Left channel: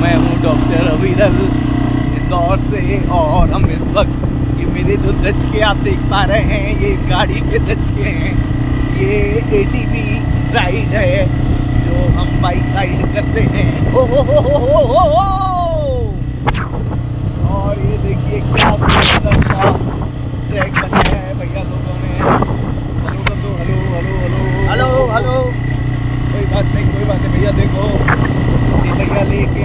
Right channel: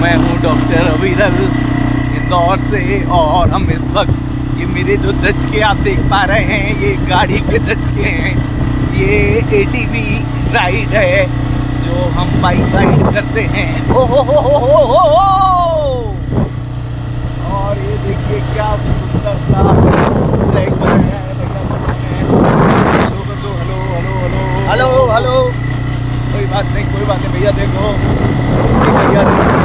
मैं हूँ डॉक्टर अविरल इंदौर से, और हम इस वक्त ये मेरे जो दचके आप देख पा रहे हैं ये गाड़ी के दचके हैं। ये एटीवी राइड है जो हम बाइक राइड करते हैं। ओ हो। और ये देखिए क्या सुंदर सा ट्रैक बनाया है भैया लोगों ने। हेलो कर दो, hello hello hello hello hello. कोई बात नहीं भैया, देखो ये भैया लेके